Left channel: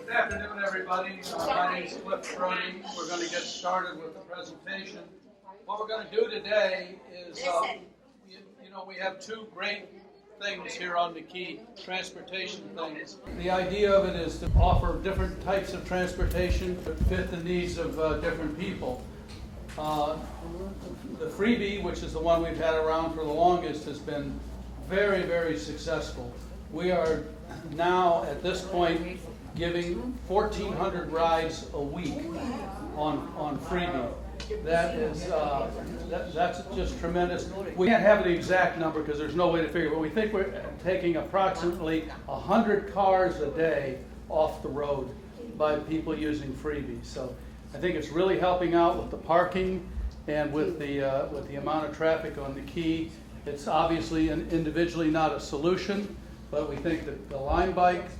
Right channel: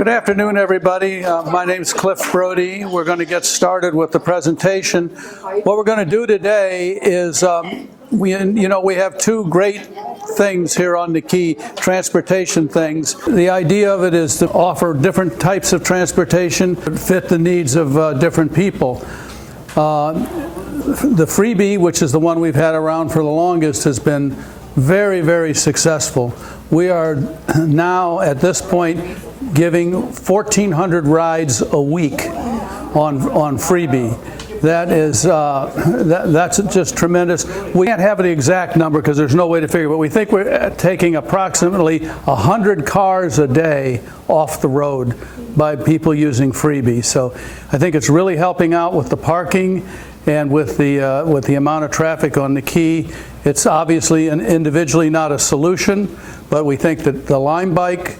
Good afternoon, everybody. My name is Cliff Brody. We're going to get started with the presentation. What we're going to do today is we have two great things here on the key, transportation things. The idea of it is to offer different types of transportation that fit the needs of different people. The FreeBee, which is the one we've had around for the longest, has been very, very successful. We are now, at this point, giving 1,400 rides a week on FreeBee. That is, that's just tremendous. We can't have the exact number because there's no way to figure it, but we think we're taking approximately 100 cars a day off the road by people using FreeBee. So I think it's really helping out with the parking and with the amount of traffic on the key. It's obviously individually not a solution, but we think that the LimeBike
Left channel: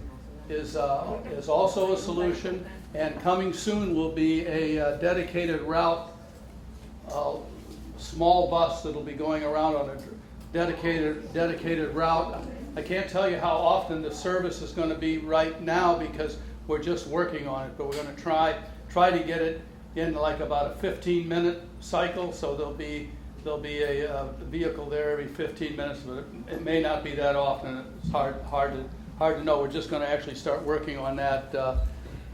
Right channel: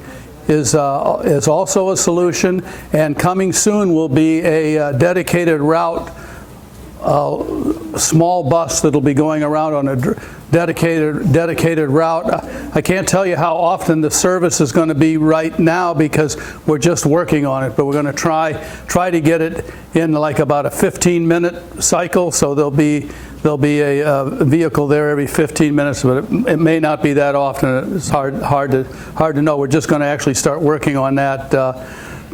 is also a solution, and coming soon will be a dedicated route, small bus that'll be going around on a dedicated route. I can't tell you how often the service is going to be right now because we're just working on it, but we're going to try to get it in like about a 15-minute cycle, so there'll be a vehicle there every 15 minutes, but it may not be that often. It's hard to know. We're just going to actually start working on that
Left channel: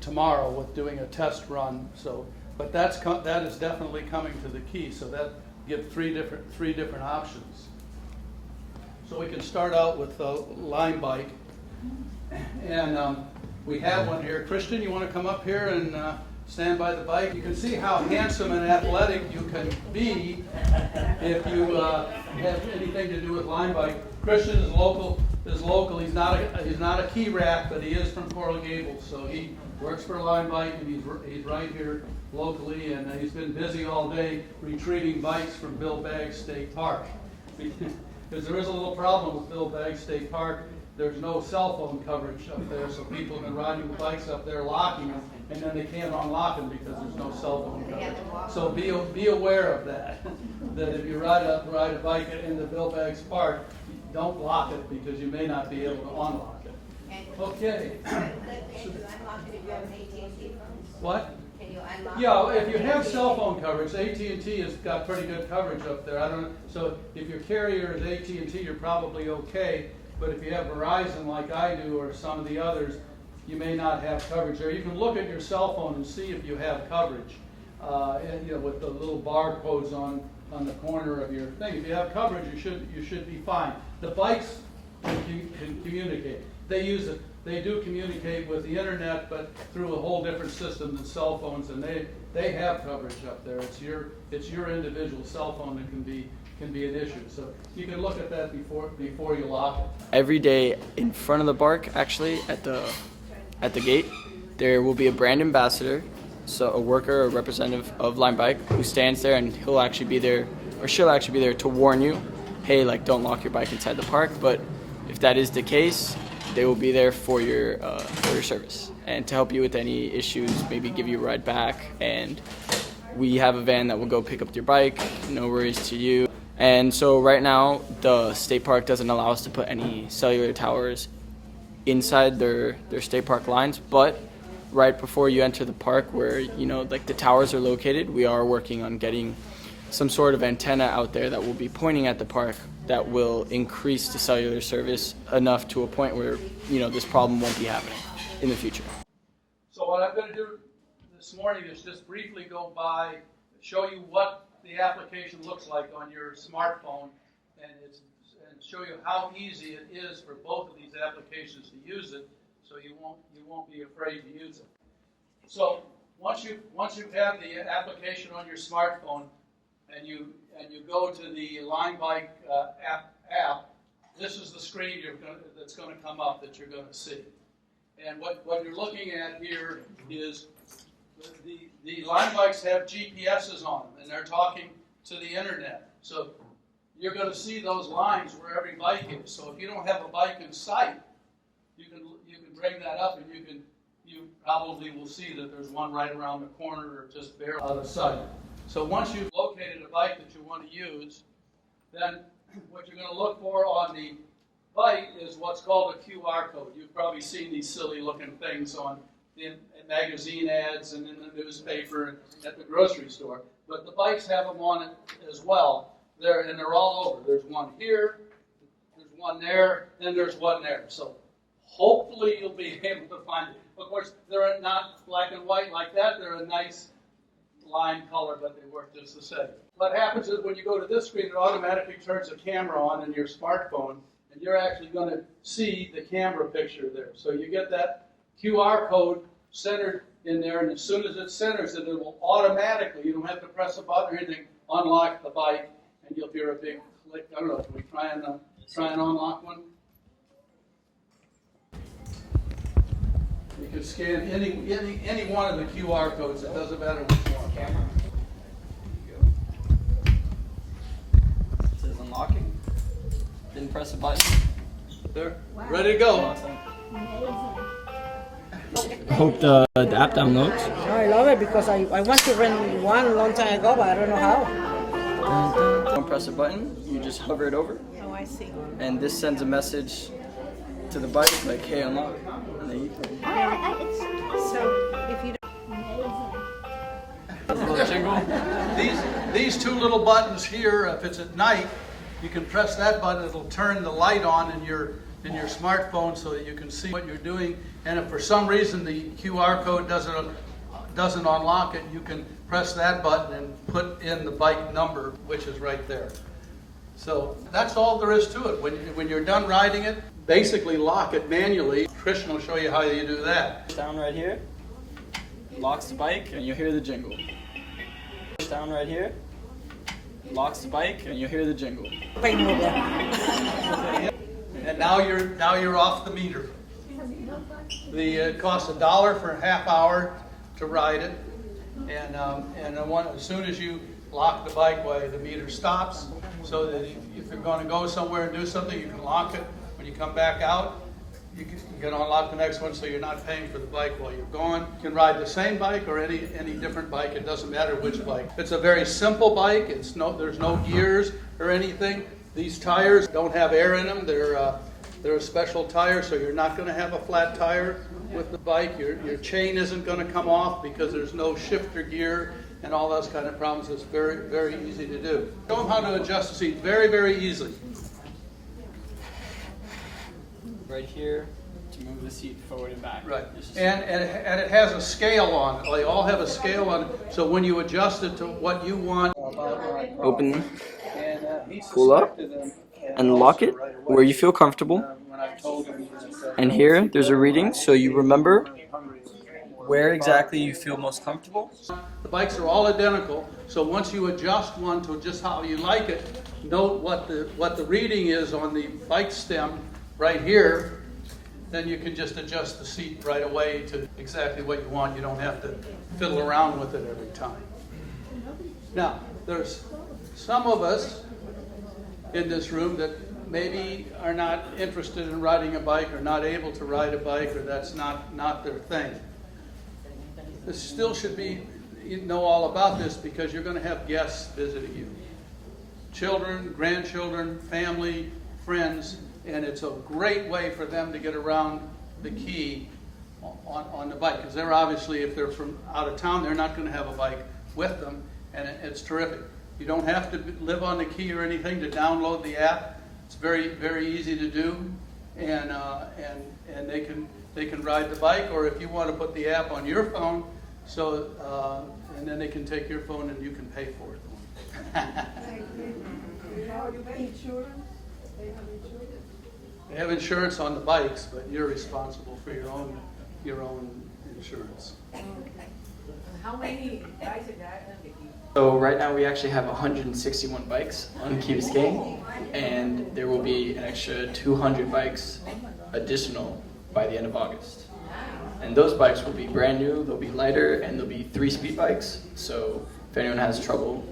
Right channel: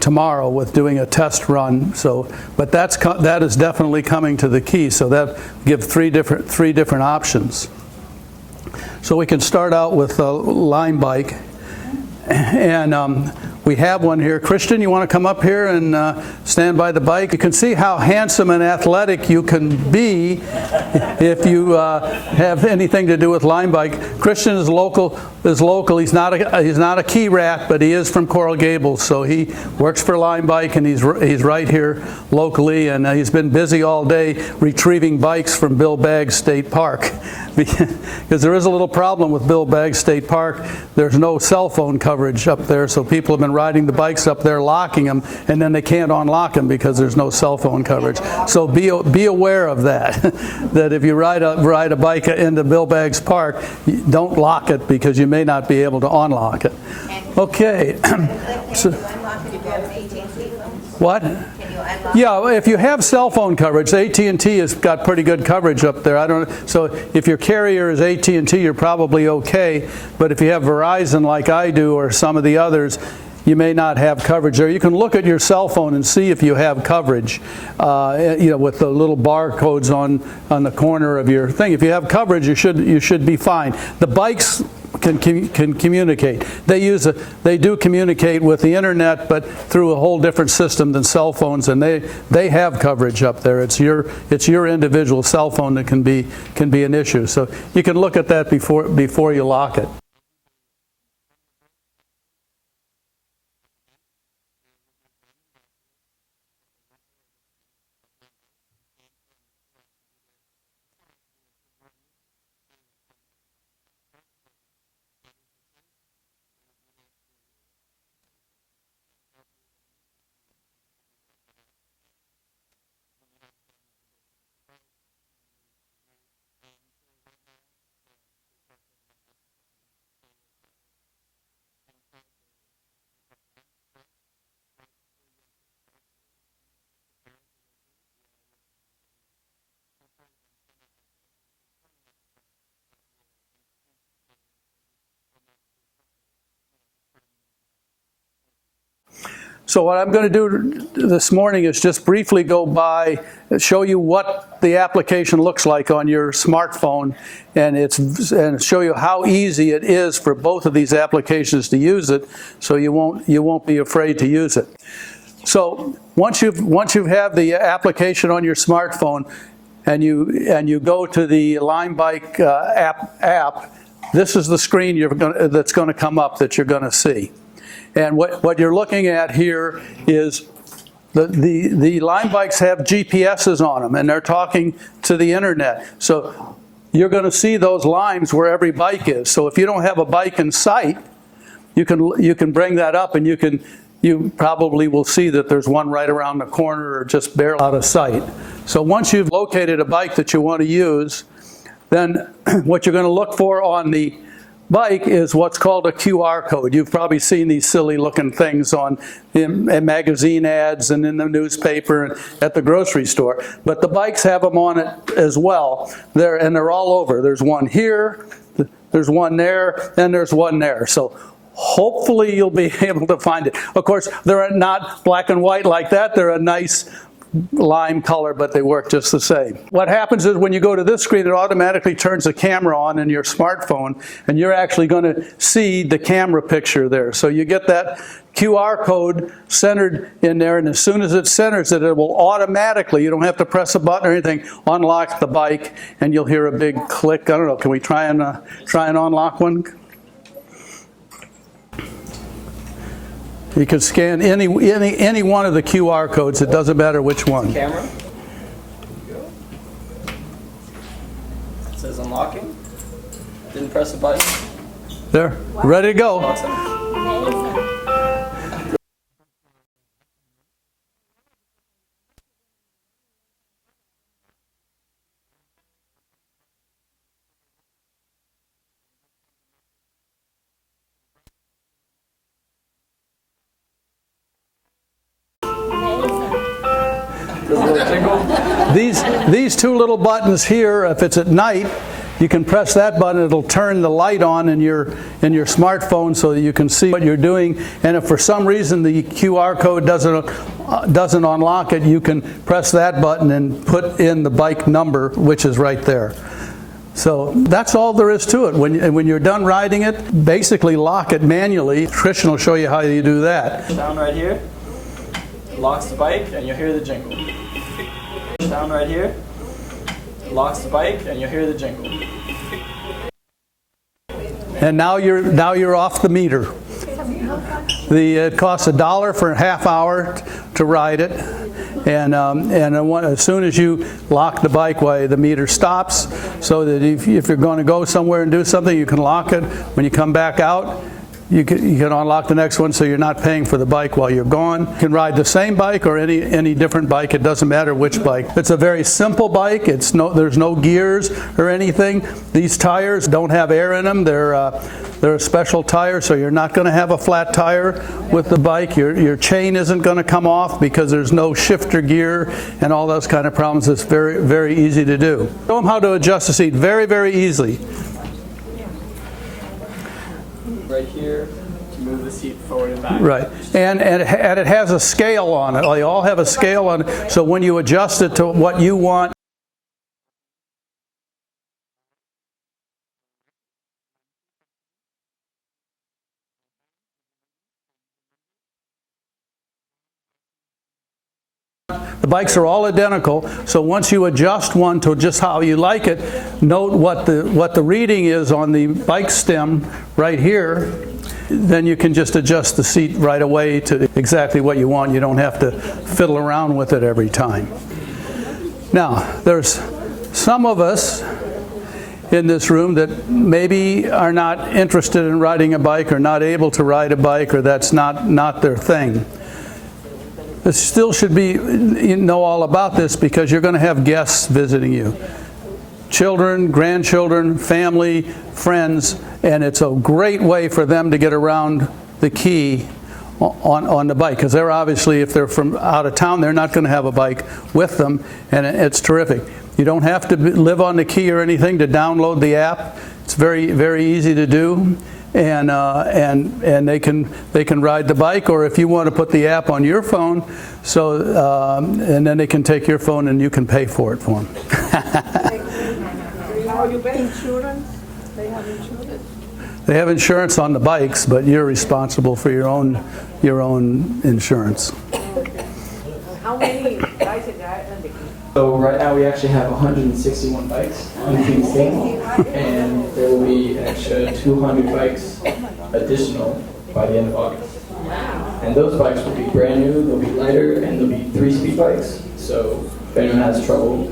tomorrow with doing a test run. So, but that is definitely coming to the key. So that gives three different options. So we can start out with a LimeBike, and we have one here. Christian, you want to come up here and stand by the bike? You can see how handsome and athletic you can be if you have anything to do with LimeBike. Christian is local. He's not a key rat, but he is from Coral Gables, so he works for LimeBike, and he's right here locally, and he's been busy all day retrieving bikes from Bill Baggs State Park. Because there is a little problem with Bill Baggs State Park. There's no cell phone coverage up there, so people have been riding the bikes up there, locking them, and then they can't unlock them because there's no cell phone coverage. So be aware of that. That if you ride a bike into Bill Baggs Park, don't lock it because you may not be able to unlock it. Okay. So, what? Yeah, if you have cell phone coverage, AT&T has got pretty good coverage up there. So if your carrier is AT&T, you're probably okay. But if you have Verizon like I do or some of the others, you may not have coverage there. You can look at your cell phone and see if you have coverage, with the little barcodes on the corner of your thing. If you have coverage, you should be fine. The bikes can communicate. They do communicate with the internet, but through a whole different system than cell phones, and they have coverage up there. It's your individual cell phone that can be an issue. So you can look at that before you lock it. Every day in front of the park, actually at the gate, there will be a brand ambassador, so a worker or representative of LimeBike who stands there, and he'll actually be there, or she'll actually be there to warn you, hey, like, don't lock your bike inside the park. But if that is the case, they will be there for your service and to help you with any issues, maybe give you a ride back. And we have a van that will go pick up your bike, no worries to you. And so right now, the state park doesn't allow us to put any cellular towers inside their state park lines, but right before you enter the park where, like the towers are located, we are working on getting some sort of antenna out there that will be pointing at the park that will increase the cellular service enough to a point where, this problem won't be happening in the future. So what I'm going to do this morning is just briefly go by, show you what the application looks like on your smartphone, and show you how easy it is for both of these applications to use it, so you won't be afraid to use it. So once you have the application on your smartphone, and you go to the LimeBike app, this is the screen that's going to come up that you're going to see. And what you're looking at here is the LimeBikes have GPSs on them, and they're talking to the internet. So you're going to see those lines where every bike is. So if you don't have a bike in sight, you can bring that up, and you probably will see that there's one right around the corner or just barely out of sight. So once you've located a bike that you want to use, then what you're going to look for on the bike is what's called a QR code. You've probably seen these silly looking things in magazine ads and in the newspaper and at the grocery store. But the bikes have them on it as well. They're all over. There's one here, there's one there, and there's one there. So hopefully you'll be able to find it. Of course, they're not black and white like that. They're a nice lime color, but they work just the same. What happens is when you go to this screen, it automatically turns the camera on in your smartphone, and you're actually going to see the camera picture there. So you get that QR code centered in there, and as soon as it centers it, it will automatically, you don't have to press a button or anything, unlock the bike, and you'll hear a big click. I don't know, can we try and unlock one? You can scan any one of the QR codes. It doesn't matter which one. Camera. It says unlocking. Didn't press the button. There, ready to go. I hope the app downloads. I love it because I want to rent one a long time ago, but I don't know how. Don't press a button. You just hover it over. Oh, I see. And this sends a message to the bike like, hey, unlock. And then you play. So if you Does a little jingle. These two little buttons here, if it's at night, you can press that button. It'll turn the light on in your smartphone so that you can see what you're doing. And if for some reason the QR code doesn't unlock it, you can press that button and put in the bike number, which is right there. So that's all there is to it. When you're done riding it, basically lock it manually. Christian will show you how you do that. Down right here. Locks the bike and you'll hear the jingle. Down right here. Locks the bike and you'll hear the jingle. And now you're off the meter. It costs $1 for a half hour to ride it, and as soon as you lock the bike, the meter stops. So that if you're going to go somewhere and do something, you can lock it. When you come back out, you can unlock the next one, so you're not paying for the bike while you're gone. You can ride the same bike or any different bike. It doesn't matter which bike. It's a very simple bike. There's no gears or anything. These tires don't have air in them. They're a special tire, so you're not going to have a flat tire with the bike. Your chain isn't going to come off because there's no shifter gear and all those kind of problems. It's very, very easy to do. Show them how to adjust the seat very, very easily. Right here to move the seat forward and back. Right, and it has a scale on it. They all have a scale on it, so when you adjust it to what you want. Open, pull up, and lock it where you feel comfortable. And here, there's a reading, so you remember where exactly you feel most comfortable. The bikes are all identical, so once you adjust one to just how you like it, note what the reading is on the bike stem right here. Then you can just adjust the seat right away to exactly what you want. You don't have to fiddle around with it every time. Now, there's some of us in this room that maybe are not interested in riding a bike or not able to ride a bike, or that's not their thing. It still should be, you know all about this because you're going to have guests visiting you. Children, grandchildren, family, friends, and it's a great way for them to get around the key on the bike, because they're obviously, if they're from out of town, they're not going to have a bike with them, and it's terrific. You don't have to live on the key or anything to download the app. It's very, very easy to do. And they can ride the bike, or if you want to put the app on your phone, so and then they can take your phone and you can pay for it for them. insurance? They have insurance. They have insurance on the bikes, but you're responsible for your own insurance. How many guys are there? So right now we actually have 161 bikes on Biscayne, and there will be an extra 200 bikes additional by the end of August. And those bikes will be brand new, they'll be lighter, and they'll be 3-speed bikes. So if anyone has trouble,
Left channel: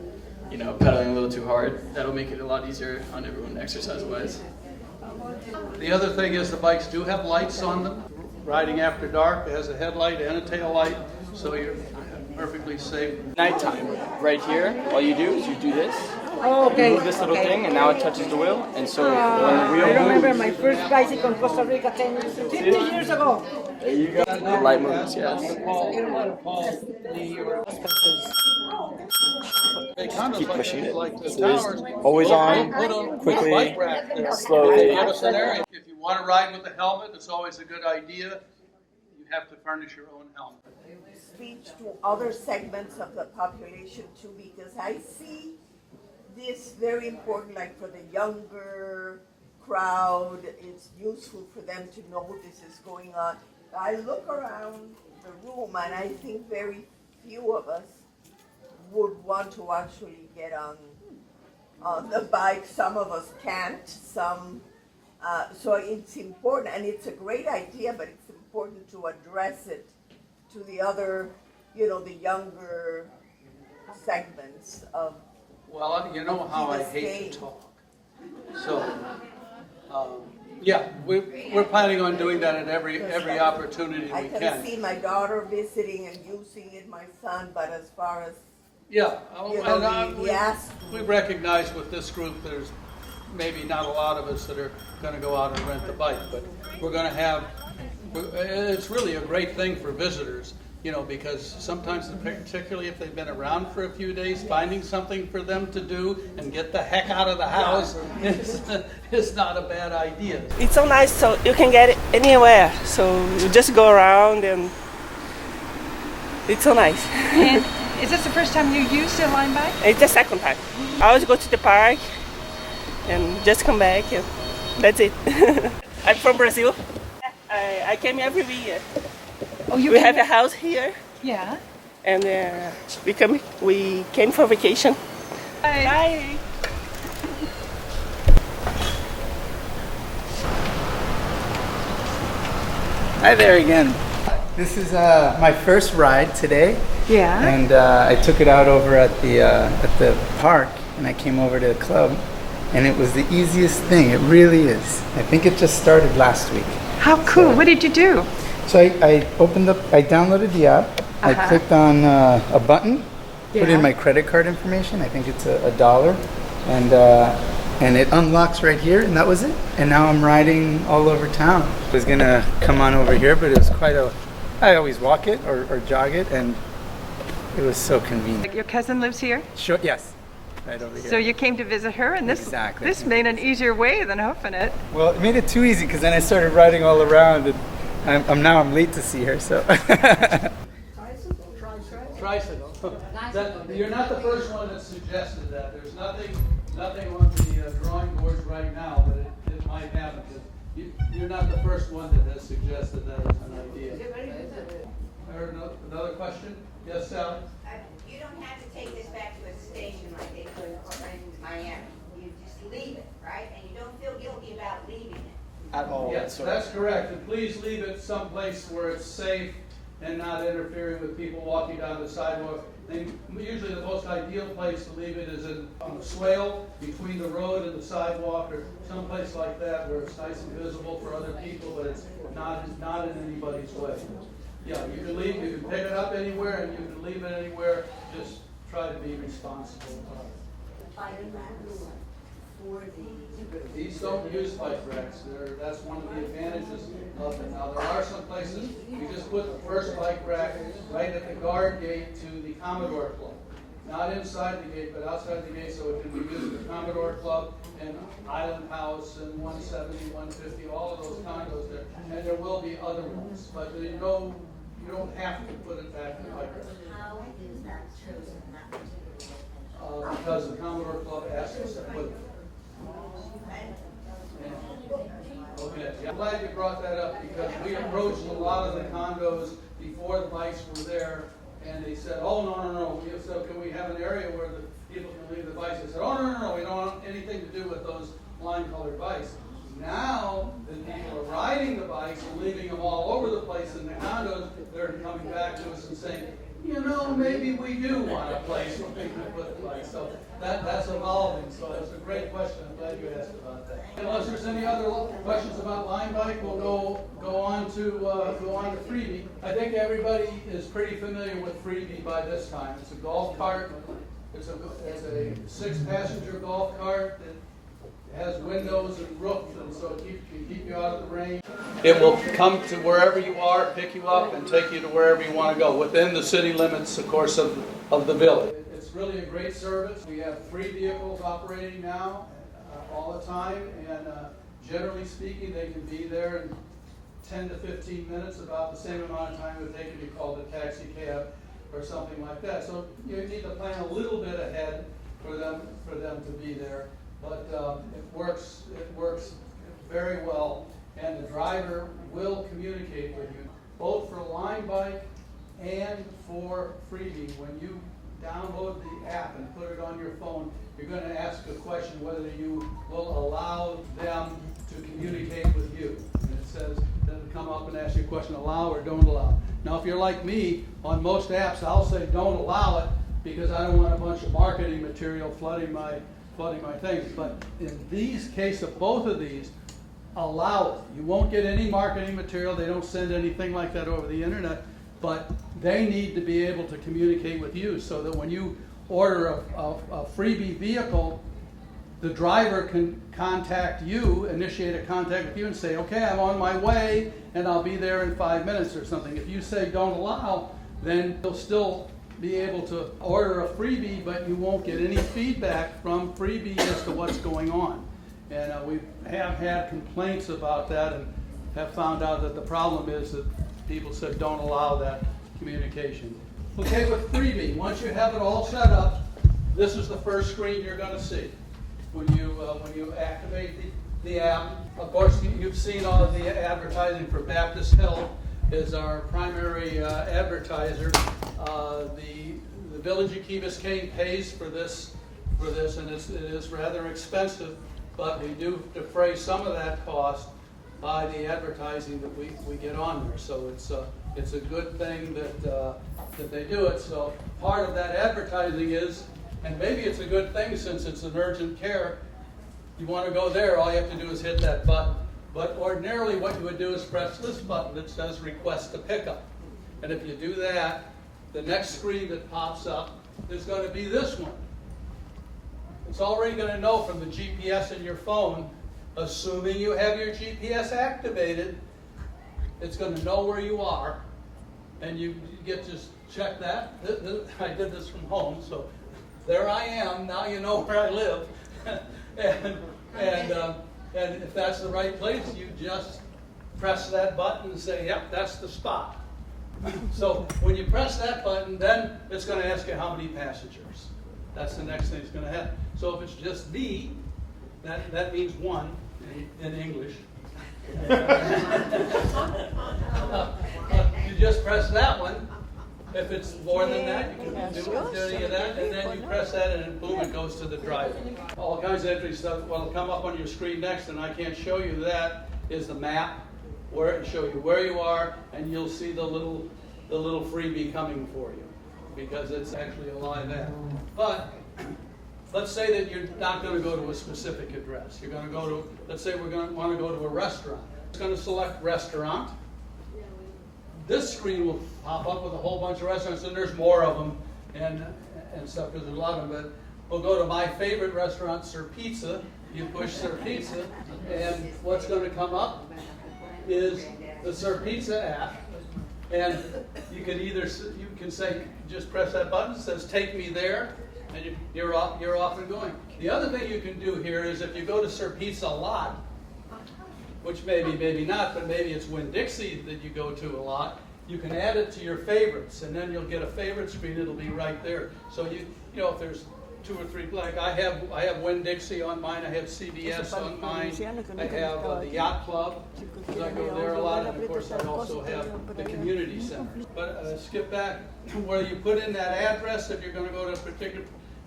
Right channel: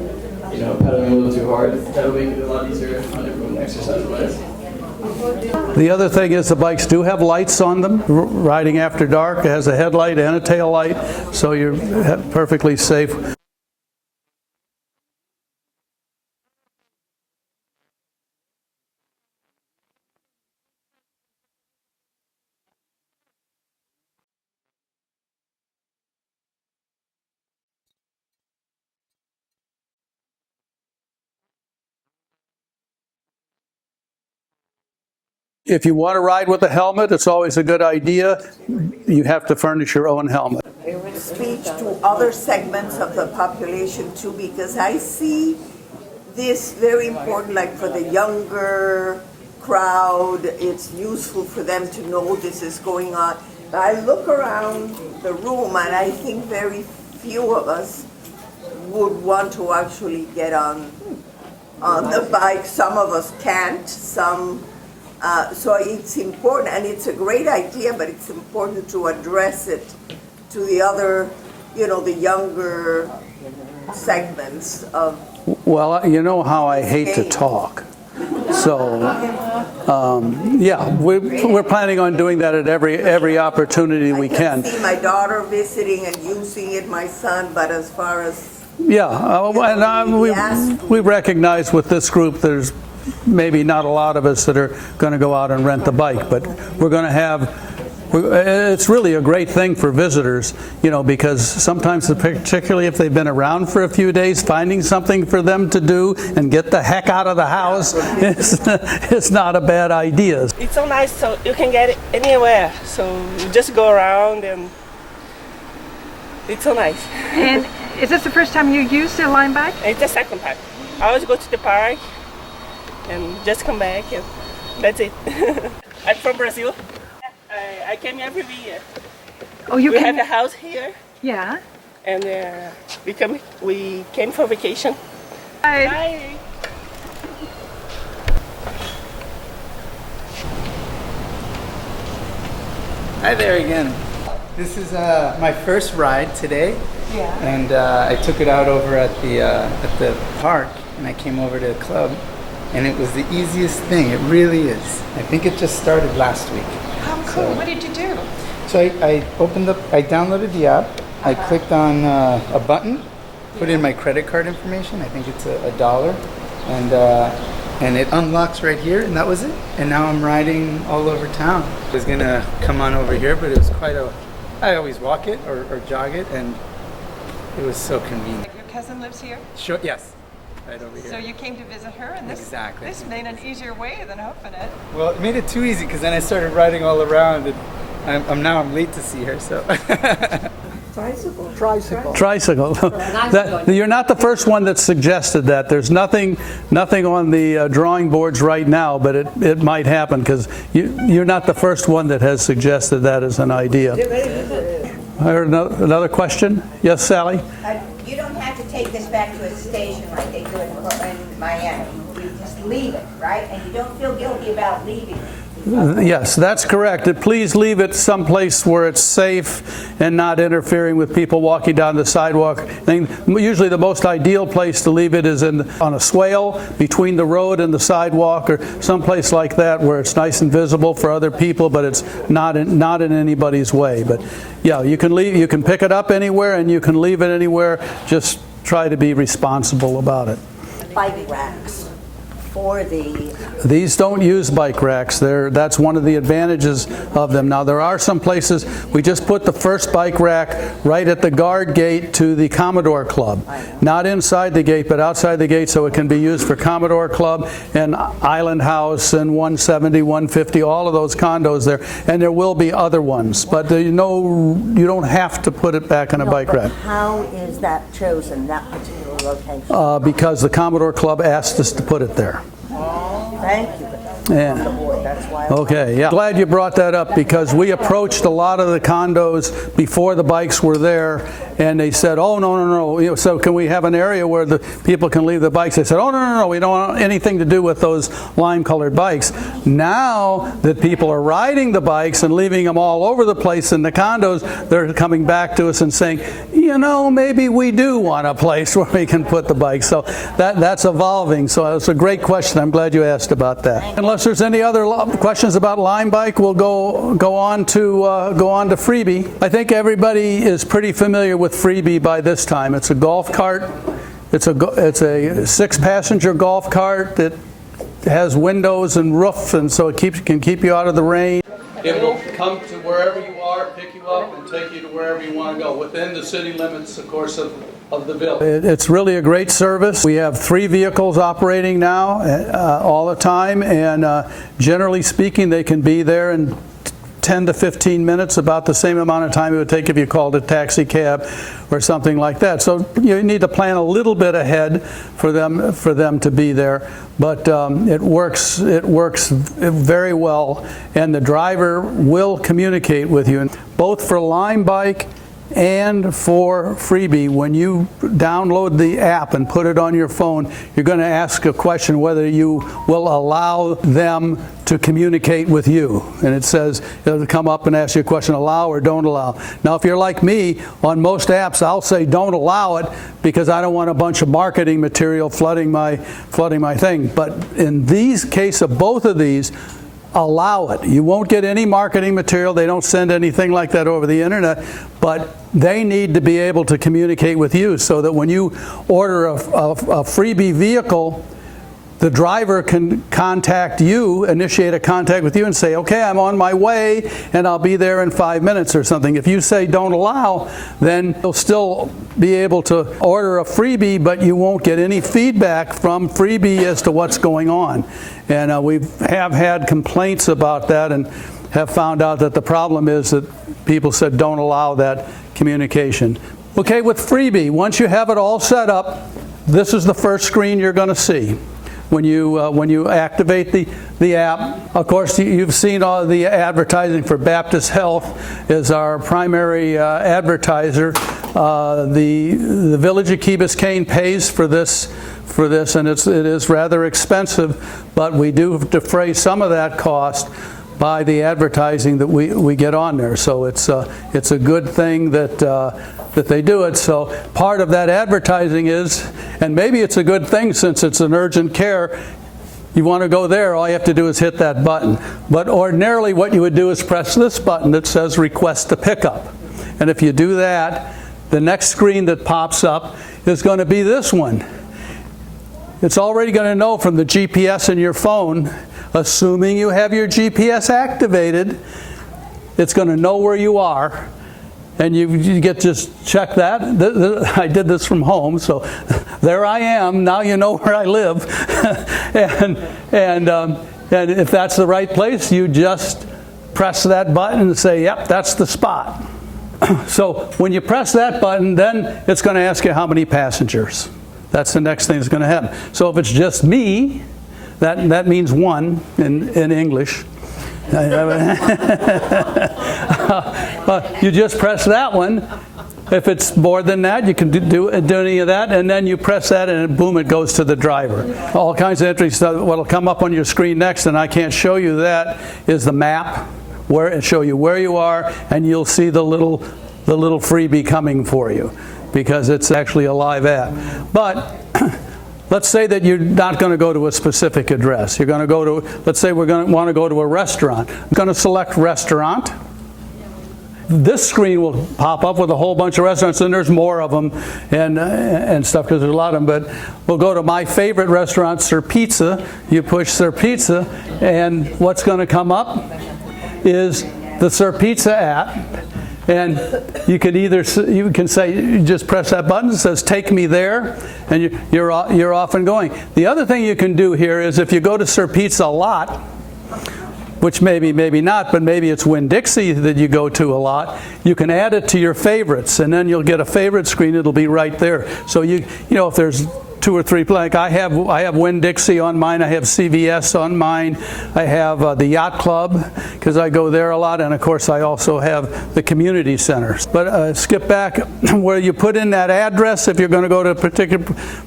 pedaling a little too hard, that'll make it a lot easier on everyone exercise-wise. The other thing is the bikes do have lights on them. Riding after dark, it has a headlight and a tail light, so you're perfectly safe. Nighttime, right here, all you do is you do this, Oh, okay. move this little thing, and now it touches the wheel. And so when the I wheel remember moves, my first bicycle in Costa Rica 50 years ago. there you go. The light moves, yes. Keep pushing it. So there's always on, quickly, slowly. If you want to ride with a helmet, it's always a good idea. You have to furnish your own helmet. Speech to other segments of the population too, because I see this very important, like for the younger crowd, it's useful for them to know this is going on. I look around the room and I think very few of us would want to actually get on the bike. Some of us can't, some, so it's important, and it's a great idea, but it's important to address it to the other, you know, the younger segments of. Well, you know how I hate to talk. So, yeah, we're planning on doing that at every opportunity we can. I can see my daughter visiting and using it, my son, but as far as. Yeah, we recognize with this group there's maybe not a lot of us that are going to go out and rent the bike, but we're going to have. It's really a great thing for visitors, you know, because sometimes, particularly if they've been around for a few days, finding something for them to do and get the heck out of the house is not a bad idea. It's so nice, so you can get it anywhere. So you just go around and it's so nice. And is this the first time you used a LimeBike? It's the second time. I always go to the park and just come back and that's it. I'm from Brazil. I came every year. Oh, you We came? have a house here Yeah. and we came for vacation. Hi. Bye. Hi there again. This is my first ride today, Yeah. and I took it out over at the park, and I came over to the club, and it was the easiest thing. It really is. I think it just started last week. How cool. What did you do? So I downloaded the app. I clicked on a button, put in my credit card information. I think it's $1, and it unlocks right here, and that was it. And now I'm riding all over town. I was gonna come on over here, but it was I always walk it or jog it, and it was so convenient. Your cousin lives here? Sure, yes, right over here. So you came to visit her, and this Exactly. this made an easier way than hoofing it. Well, it made it too easy because then I started riding all around, and I'm late to see her, so. Tricycle. You're not the first one that suggested that. There's nothing on the drawing boards right now, but it might happen because you're not the first one that has suggested that as an idea. I heard another question. Yes, Sally? You don't have to take this back to a station like they do in Miami. You just leave it, right? And you don't feel guilty about leaving it. Yes, that's correct. Please leave it someplace where it's safe and not interfering with people walking down the sidewalk. Usually the most ideal place to leave it is on a swale between the road and the sidewalk, or someplace like that where it's nice and visible for other people, but it's not in anybody's way. But yeah, you can pick it up anywhere and you can leave it anywhere. Just try to be responsible about it. Bike racks for the. These don't use bike racks. That's one of the advantages of them. Now there are some places, we just put the first bike rack right at the guard gate to the Commodore Club. Not inside the gate, but outside the gate, so it can be used for Commodore Club and Island House and 170, 150, all of those condos there. And there will be other ones, but you don't have to put it back in a bike rack. How is that chosen, that particular location? Because the Commodore Club asked us to put it there. Thank you. Yeah. That's why. Okay, yeah. Glad you brought that up because we approached a lot of the condos before the bikes were there, and they said, oh, no. So can we have an area where the people can leave the bikes? They said, oh, no. We don't want anything to do with those lime-colored bikes. Now that people are riding the bikes and leaving them all over the place in the condos, they're coming back to us and saying, maybe we do want a place where we can put the bikes. So that's evolving. So it's a great question. I'm glad you asked about that. Unless there's any other questions about LimeBike, we'll go on to FreeBee. I think everybody is pretty familiar with FreeBee by this time. It's a golf cart. It's a 6-passenger golf cart that has windows and roof, and so it can keep you out of the rain. It will come to wherever you are, pick you up, and take you to wherever you want to go, within the city limits, of course, of the village. It's really a great service. We have 3 vehicles operating now all the time, and generally speaking, they can be there in 10 to 15 minutes, about the same amount of time it would take if you called a taxi cab or something like that. So you need to plan a little bit ahead for them to be there, but it works very well, and the driver will communicate with you, both for LimeBike and for FreeBee. When you download the app and put it on your phone, you're going to ask a question whether you will allow them to communicate with you. And it says, it'll come up and ask you a question, allow or don't allow. Now, if you're like me, on most apps, I'll say don't allow it because I don't want a bunch of marketing material flooding my thing. But in these case of both of these, allow it. You won't get any marketing material. They don't send anything like that over the internet, but they need to be able to communicate with you so that when you order a FreeBee vehicle, the driver can contact you, initiate a contact with you and say, okay, I'm on my way and I'll be there in 5 minutes or something. If you say don't allow, then you'll still be able to order a FreeBee, but you won't get any feedback from FreeBee as to what's going on. And we have had complaints about that and have found out that the problem is that people said don't allow that communication. Okay, with FreeBee, once you have it all set up, this is the first screen you're going to see. When you activate the app, of course, you've seen all the advertising for Baptist Health is our primary advertiser. The Village of Key Biscayne pays for this, and it is rather expensive, but we do defray some of that cost by the advertising that we get on there. So it's a good thing that they do it. So part of that advertising is, and maybe it's a good thing since it's an urgent care, you want to go there, all you have to do is hit that button. But ordinarily what you would do is press this button that says request a pickup. And if you do that, the next screen that pops up is going to be this one. It's already going to know from the GPS in your phone, assuming you have your GPS activated, it's going to know where you are. And you get just check that. I did this from home, so there I am. Now you know where I live, and if that's the right place, you just press that button and say, "Yep, that's the spot." So when you press that button, then it's going to ask you how many passengers. That's the next thing that's going to happen. So if it's just me, that means 1 in English. You just press that one. If it's more than that, you can do any of that, and then you press that and boom, it goes to the driver. All kinds of interesting stuff. What'll come up on your screen next, and I can't show you that, is the map, where it show you where you are, and you'll see the little FreeBee coming for you, because it's actually a live app. But let's say that you're not going to go to a specific address. You're going to go to, let's say we're going to want to go to a restaurant. I'm going to select restaurant. This screen will pop up with a whole bunch of restaurants, and there's more of them and stuff, because there's a lot of them. But we'll go to my favorite restaurant, Sir Pizza. You push Sir Pizza, and what's going to come up is the Sir Pizza app. And you can say, you just press that button that says take me there, and you're off and going. The other thing you can do here is if you go to Sir Pizza a lot, which maybe not, but maybe it's Winn-Dixie that you go to a lot, you can add it to your favorites, and then you'll get a favorite screen. It'll be right there. So you know, if there's 2 or 3, like I have Winn-Dixie on mine, I have CVS on mine, I have the Yacht Club, because I go there a lot, and of course I also have the community centers. But skip back where you put in that address if you're going to go to a particular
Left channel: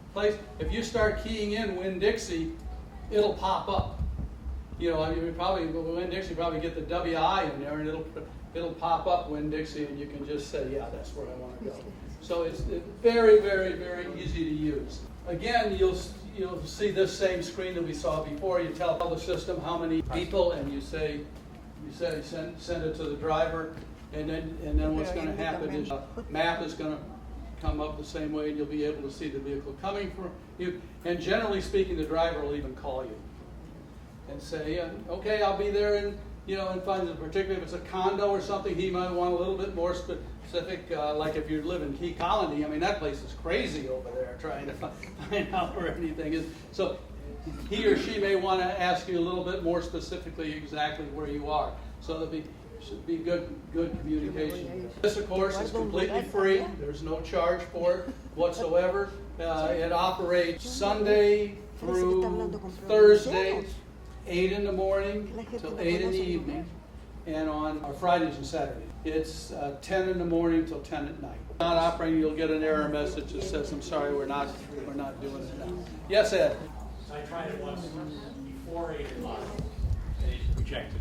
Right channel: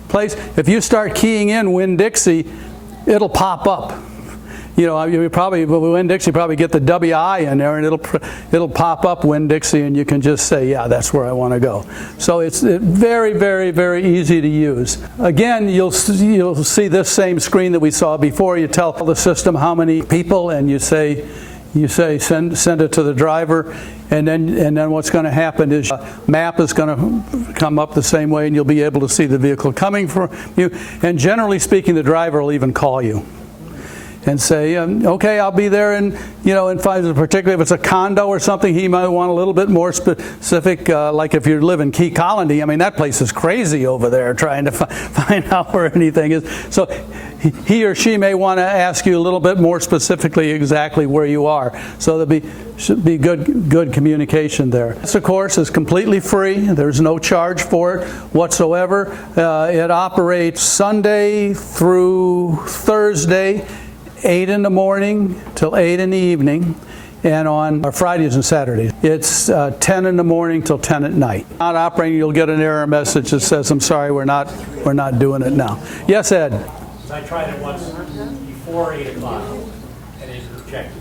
place. If you start keying in Winn-Dixie, it'll pop up. You know, you probably Winn-Dixie probably get the WI in there, and it'll pop up Winn-Dixie, and you can just say, yeah, that's where I want to go. So it's very, very, very easy to use. Again, you'll see this same screen that we saw before. You tell the system how many people, and you say send it to the driver. and then what's going to happen is map is going to come up the same way, and you'll be able to see the vehicle coming from you. And generally speaking, the driver will even call you and say, okay, I'll be there, and in particularly if it's a condo or something, he might want a little bit more specific, like if you live in Key Colony. I mean, that place is crazy over there trying to find out where anything is. So he or she may want to ask you a little bit more specifically exactly where you are. So should be good communication there. This, of course, is completely free. There's no charge for it whatsoever. It operates Sunday through Thursday, 8 in the morning till 8 in the evening, and on Fridays and Saturdays. It's 10 in the morning till 10 at night. Not operating, you'll get an error message that says, I'm sorry, we're not doing it now. Yes, Ed? I tried it once before 8 o'clock, and it checked.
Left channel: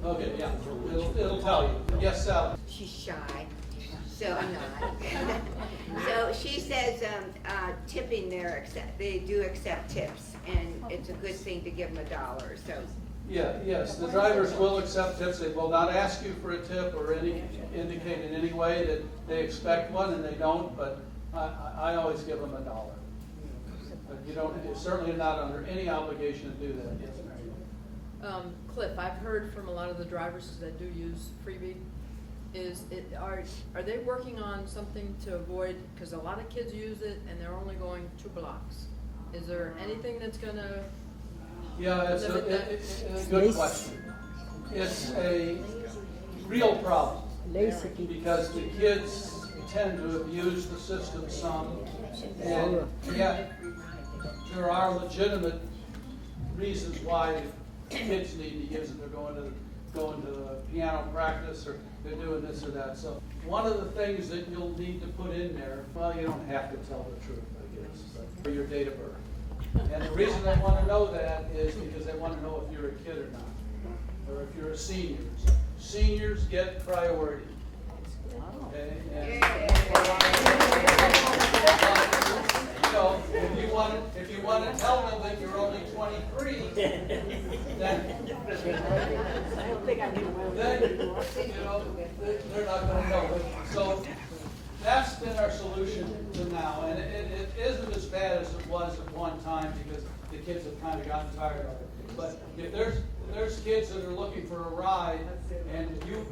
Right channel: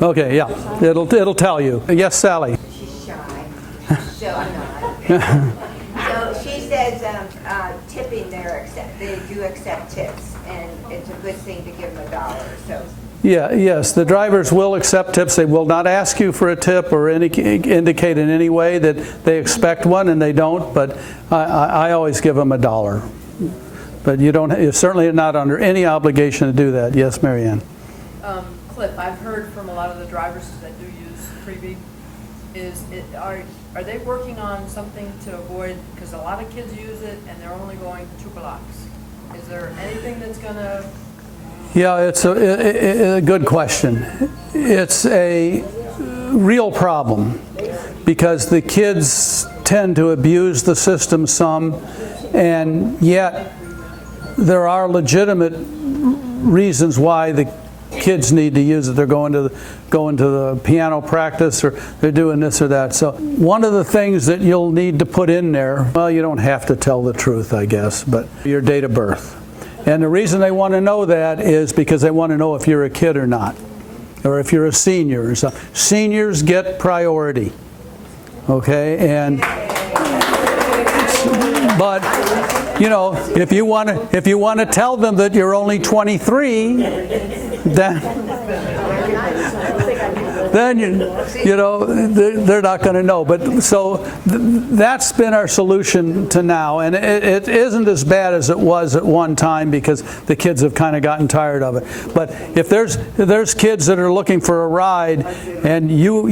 Okay, yeah, it'll tell you. Yes, Sally? She's shy, so I'm not. So she says tipping they do accept tips, and it's a good thing to give them $1. So. Yeah, yes, the drivers will accept tips. They will not ask you for a tip or indicate in any way that they expect one, and they don't, but I always give them $1. But you're certainly not under any obligation to do that. Yes, Marianne? Cliff, I've heard from a lot of the drivers that do use FreeBee, are they working on something to avoid, because a lot of kids use it and they're only going 2 blocks. Is there anything that's going to... Yeah, it's a good question. It's a real problem because the kids tend to abuse the system some, and yet there are legitimate reasons why the kids need to use it. They're going to the piano practice, or they're doing this or that. So one of the things that you'll need to put in there, well, you don't have to tell the truth, I guess, but your date of birth. And the reason they want to know that is because they want to know if you're a kid or not, or if you're a senior. So seniors get priority, okay? And but if you want to tell them that you're only 23, then they're not going to know. But so that's been our solution to now, and it isn't as bad as it was at one time because the kids have kind of gotten tired of it. But if there's kids that are looking for a ride and you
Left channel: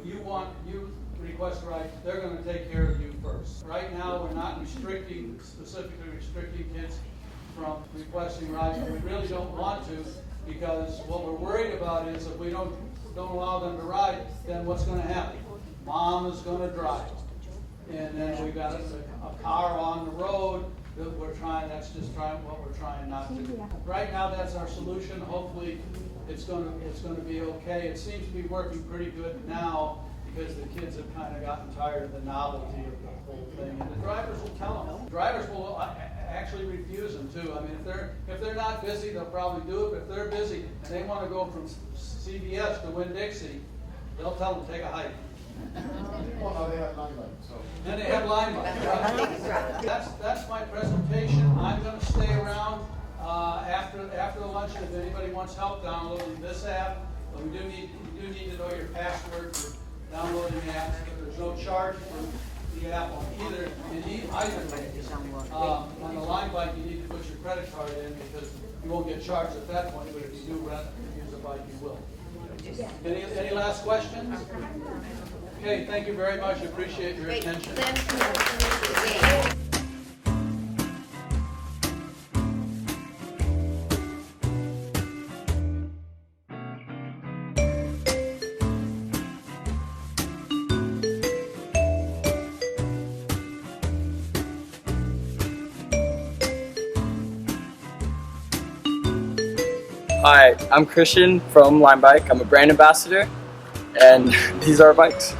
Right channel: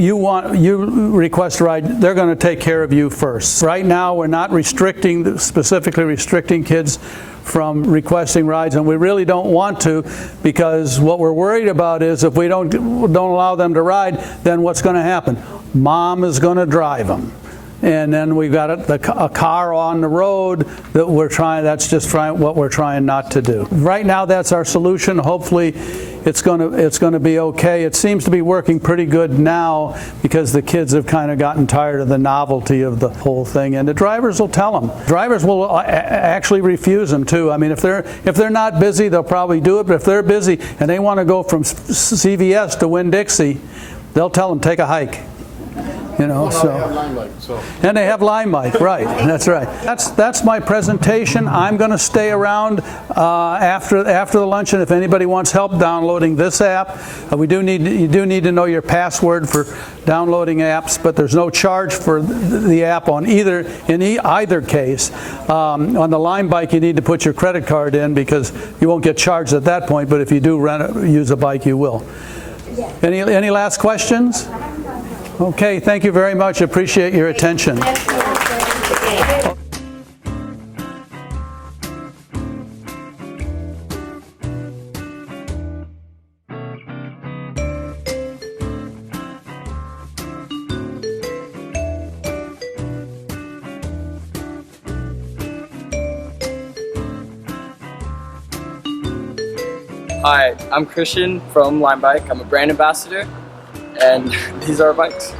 request a ride, they're going to take care of you first. Right now, we're not specifically restricting kids from requesting rides, and we really don't want to, because what we're worried about is if we don't allow them to ride, then what's going to happen? Mom is going to drive them, and then we've got a car on the road that that's just what we're trying not to do. Right now, that's our solution. Hopefully it's going to be okay. It seems to be working pretty good now because the kids have kind of gotten tired of the novelty of the whole thing, and the drivers will tell them. Drivers will actually refuse them too. I mean, if they're not busy, they'll probably do it, but if they're busy and they want to go from CVS to Winn-Dixie, they'll tell them take a hike. And they have LimeBike, right? That's right. That's my presentation. I'm going to stay around after the luncheon if anybody wants help downloading this app. You do need to know your password for downloading apps, but there's no charge for the app in either case. On the LimeBike, you need to put your credit card in because you won't get charged at that point. But if you do use a bike, you will. Any last questions? Okay, thank you very much. Appreciate your attention. Hi, I'm Christian from LimeBike. I'm a brand ambassador, and these are our bikes.